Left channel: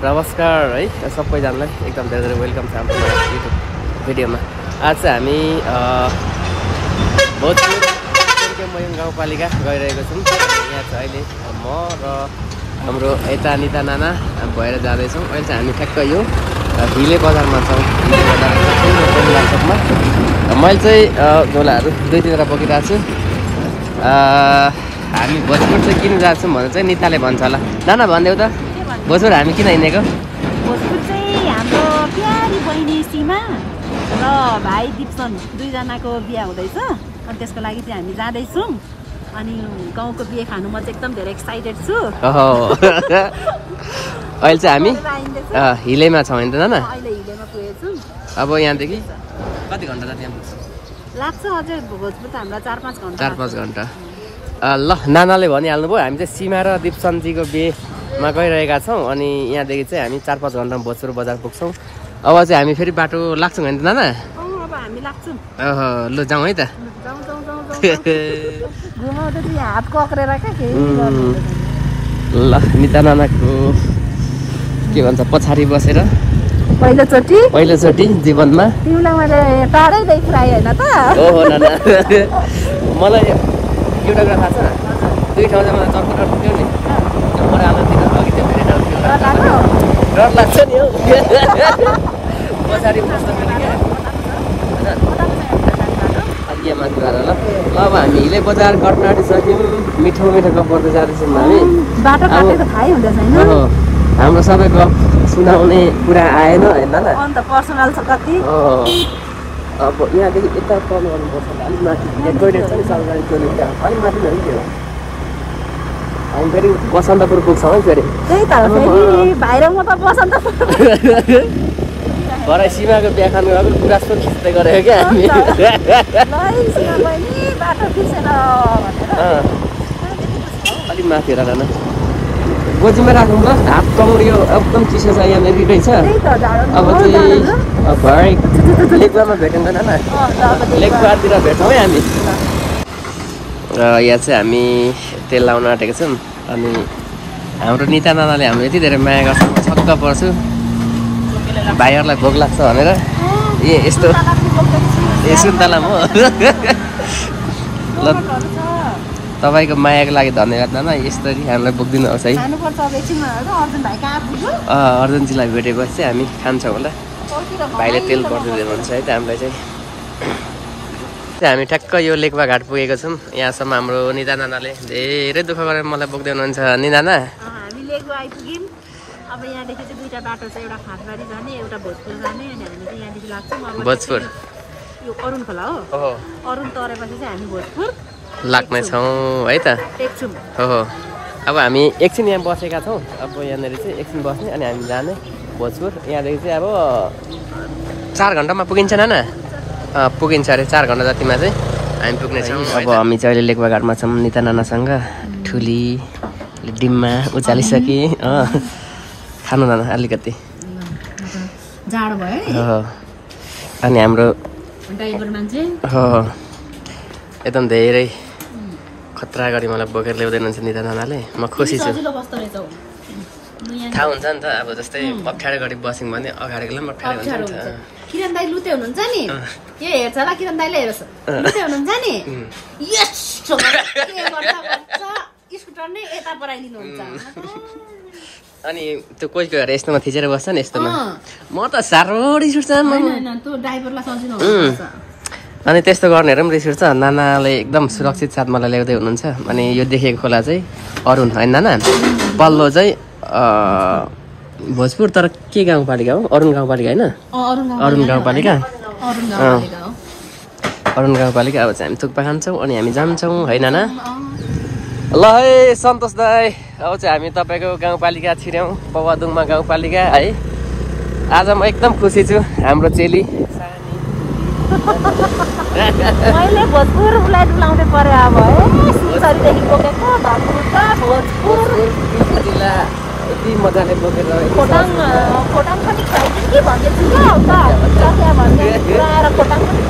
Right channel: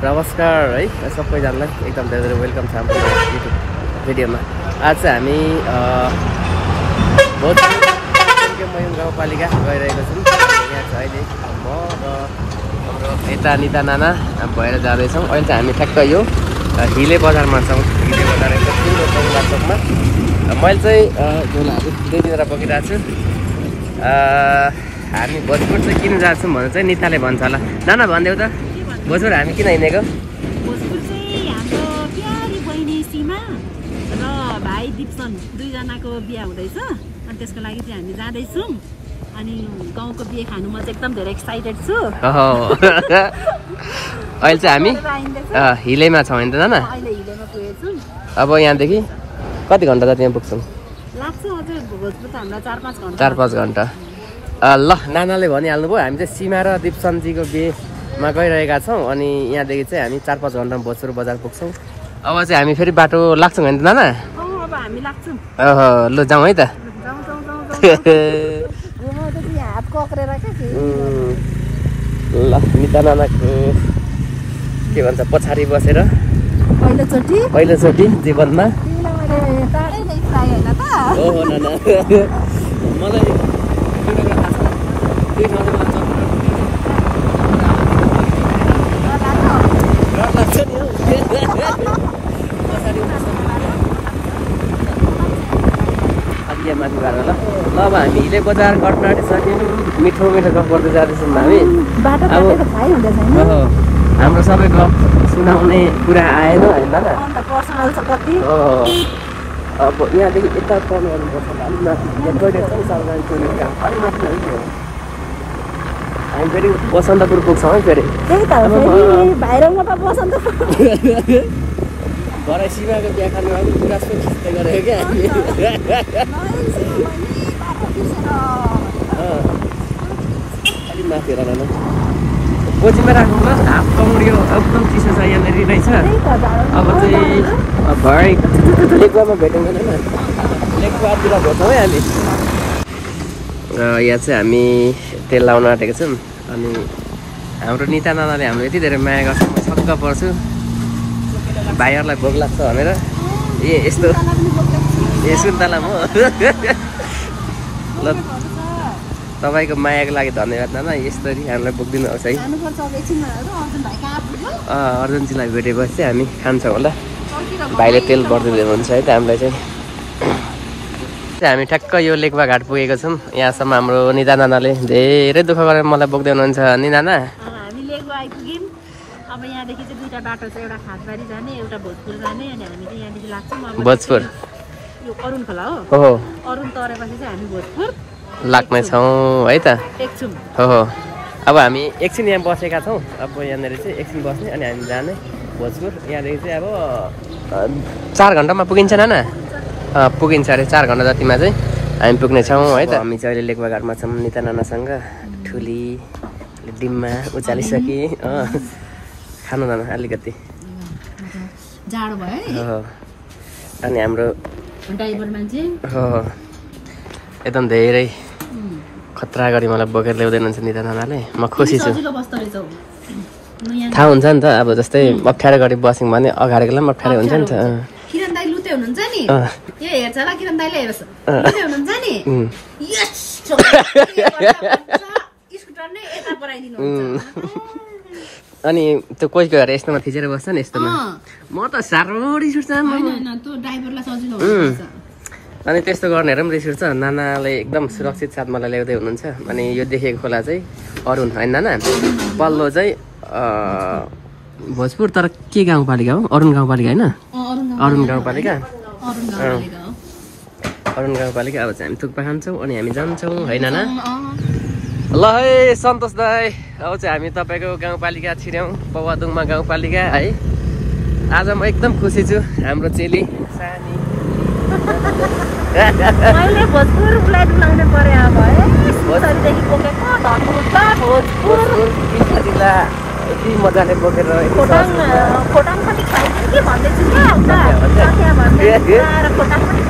नमस्कार है सबैजनालाई एकदम धेरै धेरै वेलकम छ हाम्रो युट्युब भिडियोमा। आज चाहिँ हामी भोजपुर मयुङ गाउँपालिका गइरहेको छौँ। यहाँ चाहिँ अहिले म र हाम्रो यता निता नाना भएर जाँदैछौँ। अहिले चाहिँ हामी ठ्याक्क यो हिले बजारमा छौँ। मैले चाहिँ झोलाहरू दुई तिनवटा बोकिरहेको छु। हामी भोजपुर चाहिँ किन जान्छौँ भनेर चाहिँ निताले भन्छ होला। नाना भनिदेऊ त भोजपुर हामी किन हिँडेको? भोजपुर चाहिँ हाम्रो प्यारी बहिनी सीमा र भाइ दिप्सन दुईजनाको बिहा हुँदैछ अनि त्यसको लागि चाहिँ हामी जाँदैछौँ। अनि गाउँको बिहे खानु म चाहिँ एकदम धेरै एक्साइटेड छु। अहिले चाहिँ हामी हिलेमा छौँ होइन त नाना? अहिले हिलेमा पुगेछौँ। अब यहाँदेखि कति घन्टा जति यहाँ पुग्छौँ? लाग्छ अझै भोजपुर त हामीलाई 4-5 घन्टा। ल नानाले भनिहाल्नु भयो हामी चाहिँ सीमा र दिप्सनजीको बिहेमा गइरहेका छौँ। अनि यहाँदेखि चाहिँ हामी 4-5 घन्टामा भोजपुर बजार पुग्छौँ। अब चाहिँ हामी फेरि बाटो लाग्छौँ होइन त नाना? अब हामी लाग्छौँ। ल जाउँ है त। ल निता नाना के भन्छ पछाडि बसेर पहिलोचोटि जीवनमा तिमीलाई मैले टाढैदेखि पुऱ्याएँ होइन त? ओहो नाना मलाई एउटा कुरा थाहा छ। दुई ठाउँ चाहिँ मलाई चक्कर पुग्यो नि डर लाग्छ नि हौ। पछाडि ल अब हामी हिले बजार गर्न आँटिसक्यौँ। मिठो मिठो गफ गर्दै जाँदैछौँ हामी। हाम्रो सबैको सुनाउने कुरा आएन होइन न? अब यहाँदेखि यता टर्न गर्नुपर्छ। अलिक माथि टोइलेट पनि सरकारी टोइलेट अलिक माथि है। हामी फेरि बसन्तपुर पुग्छौँ है फेरि। त्यही त भाइरङमा त बसन्तपुर भरे सीमाको बिहा खानु गएको कुरा खिच्दै गरेको क्या हामी। अलिक माथि हेर न बजीमा राख्नु भयो। हाफ कमर यो एकदम चिसो छ यहाँनिर रहेछ। अब चाहिँ भरे लेकमा भेटौँ न नाना? लेकतिर भेटौँ है हामी। यहाँ चाहिँ हामी तेल लाउन आँटेको छौँ। अनि हाम्रो निता नानाले हाम्रो यति धेरै माया गर्छ म छक्क पर्छु। भाइहरूलाई भोक लाग्छ भनेर यस्तो सुन्तला म ल तपाईँको मायाको लागि धन्यवाद नाना। यस्तरी हामीलाई बोकिदिनुहोस् है। अर्जुनजीलाई भेटेपछि चाहिँ हामी खान्छौँ होला। भाइले तेल भरिदिँदै हुन्छ है त हामीलाई चाहिँ। हामी ठ्याक्क यो लेकवा घाट पुगेको छौँ। यहाँसम्म हाम्रो निता नानाले धेरै दुःख गरेर मलाई बोक्दै हुनुहुन्छ नि नाना। हामी लेकवा आइपुग्यौँ। अब यहाँदेखि चाहिँ दुईवटा बाटो छ, एउटा खाटबारी जाने एउटा भोजपुर जाने। अनि हामी चाहिँ यहाँदेखि लाग्छौँ भोजपुर। यो अरुण खोला हो। अरुण तरेपछि चाहिँ हामी भोजपुर लाग्नेछौँ है त? एकछौँ। हो अब हामी एकछिन यहाँ बसेका छौँ। अब यहाँनिर चाहिँ एकछिन बस्ने अनि हामी जाने भोजपुर। यहाँदेखि चाहिँ अब 4 घन्टामा पुगिन्छ नाना? पुगिन्छ अरे 4 घन्टा जतिमा चाहिँ हामी पुग्नेछौँ है त। हामी चाहिँ अहिले लेकवा घाटमा छौँ निता नानासँग। ठुली डिममा उचालिसके खानु नाना अलिकति जाडो भयो। अनि हाम्रो ड्राइभर मान्छे एकदम धेरै खतरा गरी मलाई बोकेर ल्याउँदै हुनुहुन्छ निता नानाले। म खुसी छु। थाहा हुन्छ नि त अब जस्तै अप्ठ्यारो गरी बस्यौँ भने अगाडिको लागि अप्ठ्यारो हुन्छ नि त। किरण दाइ लुते हुनुहुन्छ नि यो हेर्छ ल। किरण दाइले हेर्छ लुते हुनुहुन्छ नि स्कुटर नै यता पराइदिनुहुन्छ। अनि त्यो कोही कोही हेरेर यस्तोमा थिचेर बस्छ नि यस्तोमा। म त साह्रो रिस उठ्छ। अनि त्यस्तो गर्नेहरू पनि रिस उठ्छ। नानाले एकदम सुरक्षित साथ मलाई ल्याउँदै हुनुहुन्छ। अनि यो देखेको खोला चाहिँ अरुण होइन नाना? पल्लो चाहिँ भोजपुर तर के गाउँपालिका हो? अरुण गाउँपालिका होइन? अरुण गाउँपालिका। अरुण गाउँपालिका। अब चाहिँ हामी थुक्पा खान्छौँ अनि हामी जान्छौँ है नाना? ल है सन्तोष दाई अब चाहिँ हामी तपाईँको गाउँपालिका छिर्यौँ पवादुङमा गाउँपालिका है। आज म एकदम खुसी छु। हाम्रो चेली सानी भोजपुर उसलाई डुलाउँदै परे अब है। सिलगढीदेखि बोकेको भोजपुर जिल्ला यति मजाले बोकेर खोटाङ पनि खाइदिनु कि भन्दैछु क्या उता सकिया भन्दै आएर खोटाङ पनि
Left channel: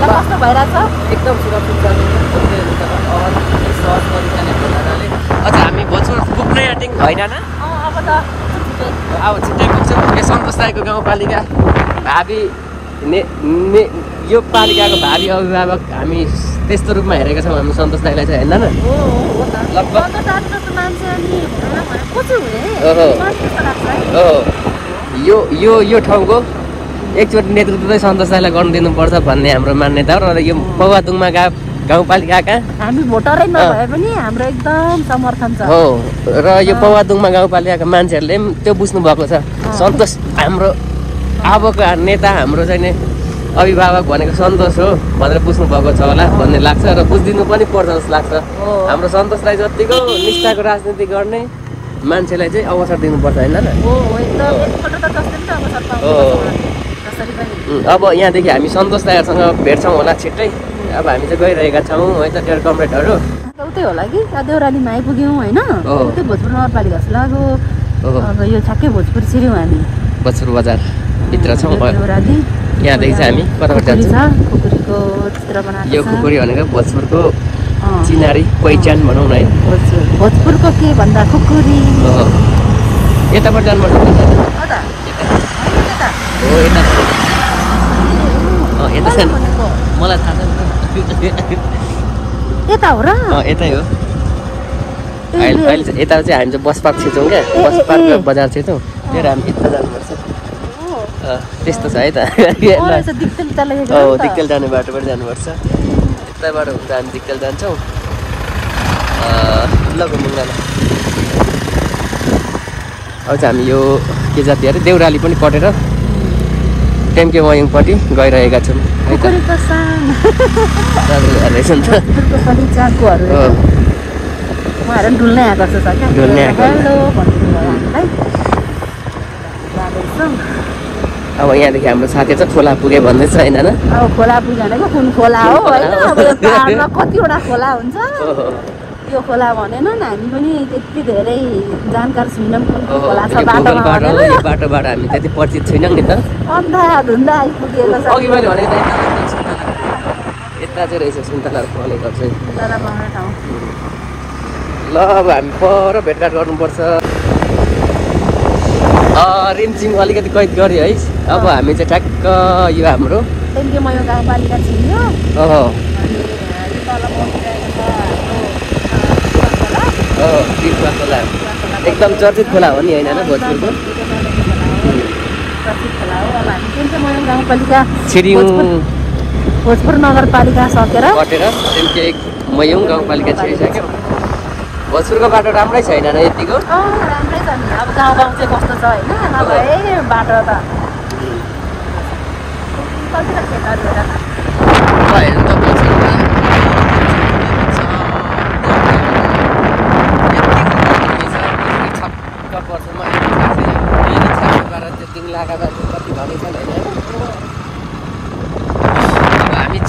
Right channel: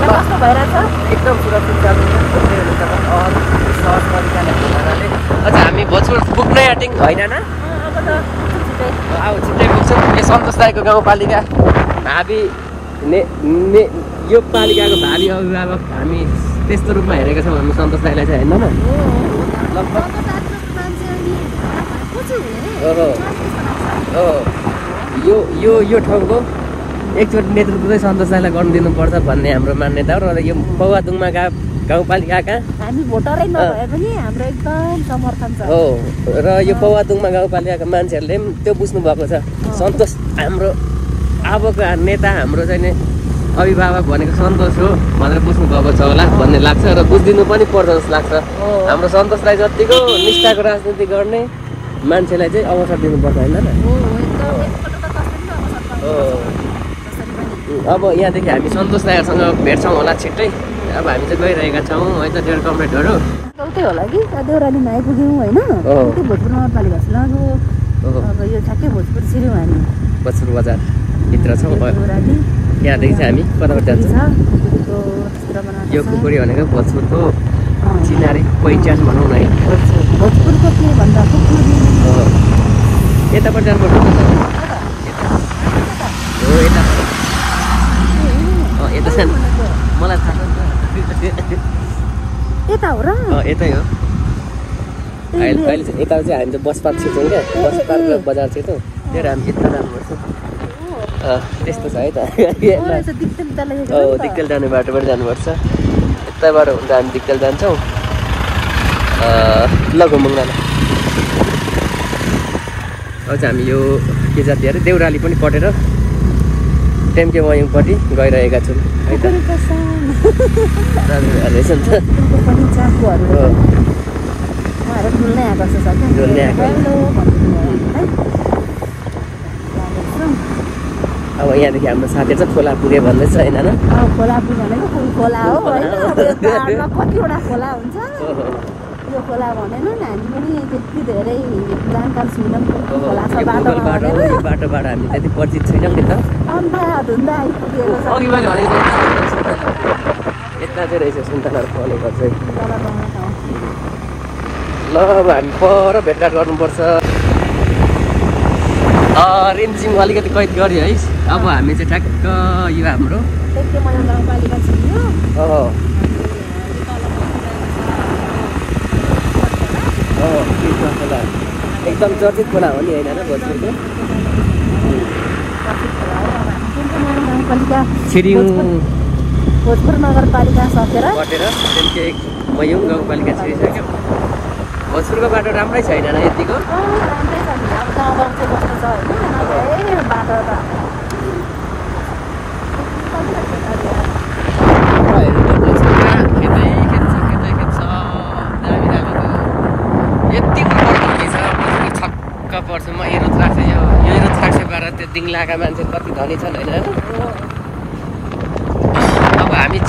कस्तो भइरहेछ? एकदम सुरक्षित जानु सहज तरिकाले अझ हामी भोजपुर पुग्नै आँट्यौँ होइन न? अब छिट्टै पुग्छौँ। यो सन्तोष राईको गाउँपालिका भावी यो पालिकाको भावी अभिभावक हामी त्यस्तो रूपमा हेरेका छौँ हामी सन्तोष राईलाई चाहिँ होइन न? लगभग यो ठाउँको एकचोटि नेतृत्व चाहिँ सन्तोष राईलाई गर्नु दिनुपर्छ भन्ने हाम्रो मान्यता हो। र यो पौवादुङमा गाउँपालिकाका हामी भोटरै नभए पनि हाम्रो एकदम समर्थन छ हो। र यो पौवादुङमा गाउँपालिकाका मान्छेहरूले पनि त्यो बुझ्नु भएको छ सन्तोष हाम्रो अबको नेता हाम्रो चाहिँ नि अभिभावक भनेको सन्तोष हो भनेर बुझ्नु भएको छ होला भन्ने लाग्छ। र बुझिदिनु पनि पर्छ जस्तो लाग्छ। हाम्रो सन्तोष राई जतिको निष्ठाको राजनीति गर्ने मान्छेलाई चाहिँ अवसर दिनुपर्छ होइन न? अब यहाँदेखि हामी सन्तोष राईसँग भेट्छौँ होला छिट्टै। अब हामी चाहिँ गइरहेका छौँ है त डेढ कमरेडहरू उतै होला कि देउरालीमा आइपुग्यौँ होइन? उतै भोजपुर नगरपालिका जस्तो लाग्यो। अब यो ठ्याक्कै भोजपुर छिर्यौँ हामी। भोजपुर बजारभित्र छौँ। देउराली यहाँदेखि चाहिँ हामी कताबाट जान्छौँ? यो खुकुरी भनेको भोजपुरको चिनारी पहिचान भनौँ न है। भोजपुरको के भन्दा खुकुरी यताबाट जानुपर्छ यता सानो मलाई थाहा छ यता हो र? यतै हो। अहिले चाहिँ यता चाहिँ हामी चाहिँ बस पार्क छिर्छौँ क्या। बस पार्क बजार छिर्छौँ। लिएर हामी यता जानुपर्छ। त्यस्तो छ है त। दिक्केल जाने बाटोबाट जानुपर्छ। यताबाट हुन्छ हामी दिक्केल जान्छौँ। लगुमुङमा अब चाहिँ हामी यो के जाति अरे देउराली पनि कटेर टेम्के वायुङपट्टि गइरहेका छौँ है त। अब यहाँदेखि हाम्रो साथी चाहिँ खोला पुग्यो भन्दै छ होइन? खोला पुग्यो भनेको कुन खोला हो होइन? कतिवटा खोला हुन्छ यो खोला भनेन हामी पनि त्यति धेरै जानकार छैनौँ। खोला छ बाटोबाट हामी त्यति परिचित छैनौँ नि त। धुन्दा आइपुगेन यता चाहिँ रहेछ सुन्तला फलेको चाहिँ। ठाउँ ल अब हामी पर भेटघाट गर्नुपर्छ। रिमझिम अलिकति कैद गऱ्यो है। अब हामी चाहिँ ठ्याक्क यो हाम्रो गाउँपालिका छिर्यो। एकदम चर्चित खोला हो नि होइन भोजपुरको? गाउँपालिका छिरिङ भोजपुर नगरपालिका सकेर कटेर मयुङ गाउँपालिका छिरिसक्यो। भोजपुरको बाटो राम्रै छैन न यतिको? गाउँ चाहिँ कस्तो छ होइन? बाटो त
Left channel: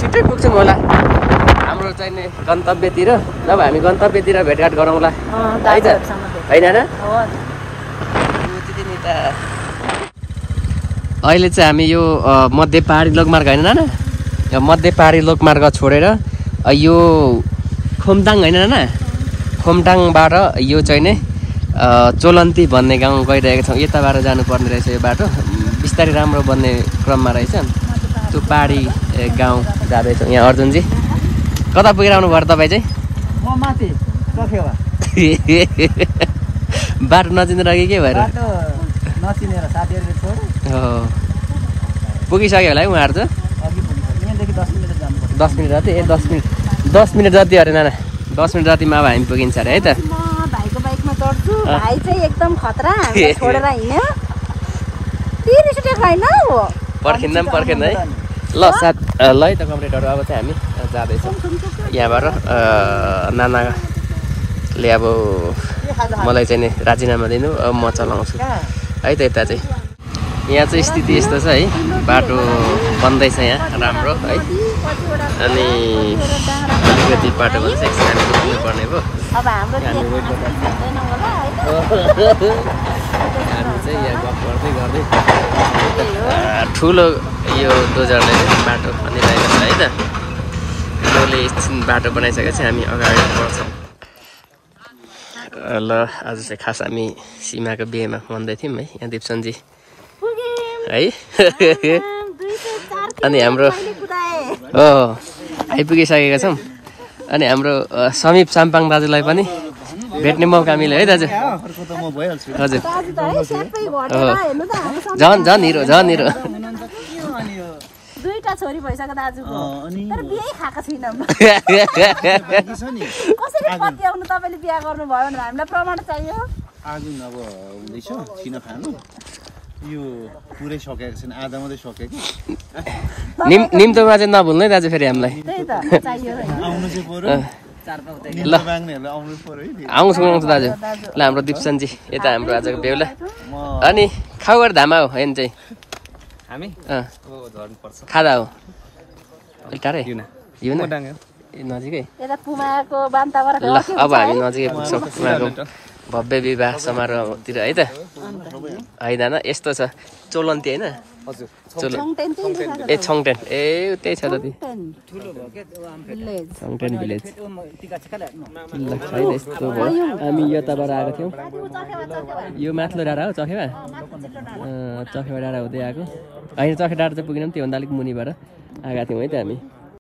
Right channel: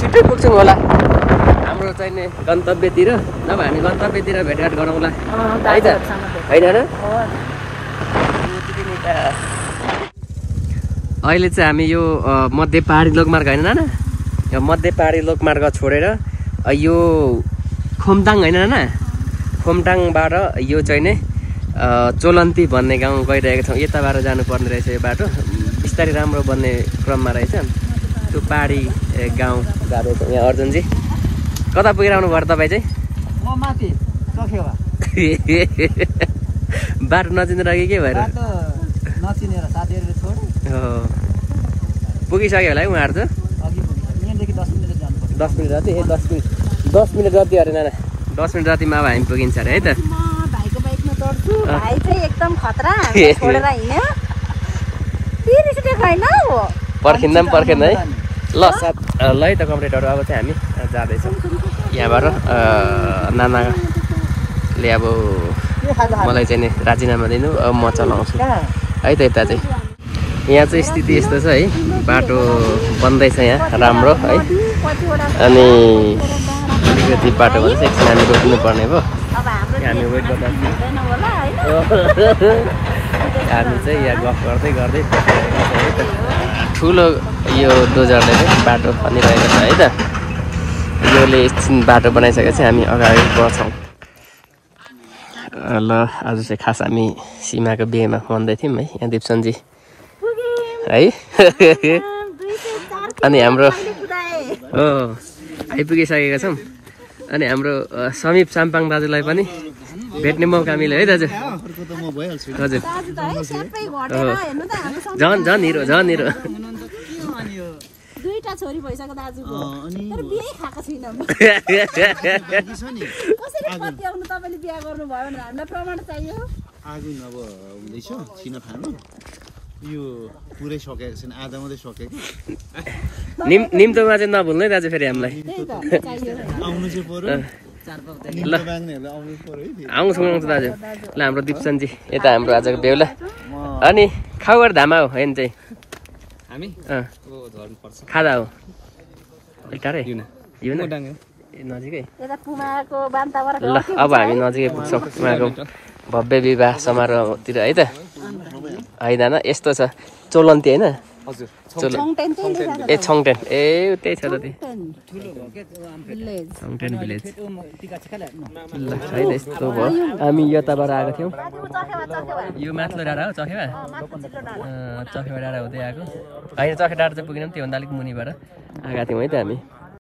छिट्टै पुग्छौँ होला हाम्रो चाहिने गन्तव्यतिर। जब हामी गन्तव्यतिर भेटघाट गरौँला है त होइन र? अहिले चाहिँ हामी यो मध्य पहाडी लोकमार्ग होइन नाना? यो मध्य पहाडी लोकमार्ग छोडेर यो खोमटाङ होइन नाना? खोमटाङबाट यो चाहिँ नै चोलन्ती भन्ने गाउँ गइरहेको छौँ। यताबाट जानुपर्ने रहेछ यो बाटो। बिस्तारै राम्रो बन्ने क्रममा रहेछ। त्यो पहाडी गाउँ जाँदैछौँ। यहाँ अर्जुनजी कता पुगेर आउनु भयो तपाईँ चाहिँ? म माथि चखेवा। बाटो नचिनेर कि के भएर? बाटो नचिनेर साथीहरूले छोडे। पुगिसक्यो होला है उहाँहरू त? अघि पुगिसक्यो। यहाँदेखि 10 मिनेट जानुपर्छ। 10 मिनट जति? 10 मिनट जति अरे नाना? 10 मिनट जतिमा अब हामी पुगिन्छ अरे है त? म भाइको बाइकमा चढ्छु। भाइ चाहिँ एकदम खतरा छोडेर हिँड्यो। पर्खिँदा पनि पर्खेन है। ल साथ ल है त कमरेडहरू अब चाहिँ हामी जाँदैछौँ यहाँबाट। नानाले अब मलाई चाहिँ नि राजीनामा दिनु, अब म चलाउँछु है त। यता चाहिँ यहाँ चाहिँ स्थिति यस्तो छ है। बाटो बन्दैछ यहाँ राम्रो है। अनि अलिकति बाटो भन्दैछ। एकछिन हामी रोक्नु पर्ने भयो। हामी वेट गर्दा हामी चाहिँ यहाँ गफ गर्दै गर्दै है त। ठुलो यो डोजरले चाहिँ बाटो खनिरहेको छ है त। योले एकछिन बाटो बनाइसकेपछि हामी अगाडि बढ्छौँ। ल आज चाहिँ खास हामी सीमाको बिहेमा भन्दै थियौँ है यहाँ दिपसनजी है अनि हाम्रो आइपुगिसकेका छौँ अनि हाम्रो समीप साम्पाङ दाजुलाई पनि भेट्ने मौका मिल्यो है दाजु हजुर झन् हिरो दुईटा छोरी भइसक्यो दाजुको तर बिहे खाएको छैनौँ कसरी पत्याउनु तपाईँले बिहा गर्नुभयो भनेर हामीलाई प्रमाण चाहियो आगुन अब हुँदैछ छिनफानो यो पुरै सकेको छैन आधा मात्रै सकेको निम्तोमा चाहिँ नभुल्नु है दाजु फेरि हामीलाई त्यही त चाहियो आउनु चाहिँ पर्यो ल आउँछु दाजु ल हाम्रो दिपसनजी यता हाम्रो आजको बेहुला अनि खाउगर धामा हो होइन चाहिँ हामी खादा हो टाढै नजिकै ल अब हामी नजिकै पुग्छौँ उहाँको भव्य विवाह समारोहतिर है त होइन यस्तो छ चोलन्ती होइन ए छङटेन ए त्यही छ त छङटेन भिलेज ल है यस्तो भयो हामी यताबाट आएको थियौँ यो माथिल्लो डाँडा हो चखेवा चखेवा डाँडा हुँदै आएको होइन चखे डाँडा चाहिँ पुगेनौँ त्योभन्दा अलिक मुनिबाट आएका थियौँ है त हामी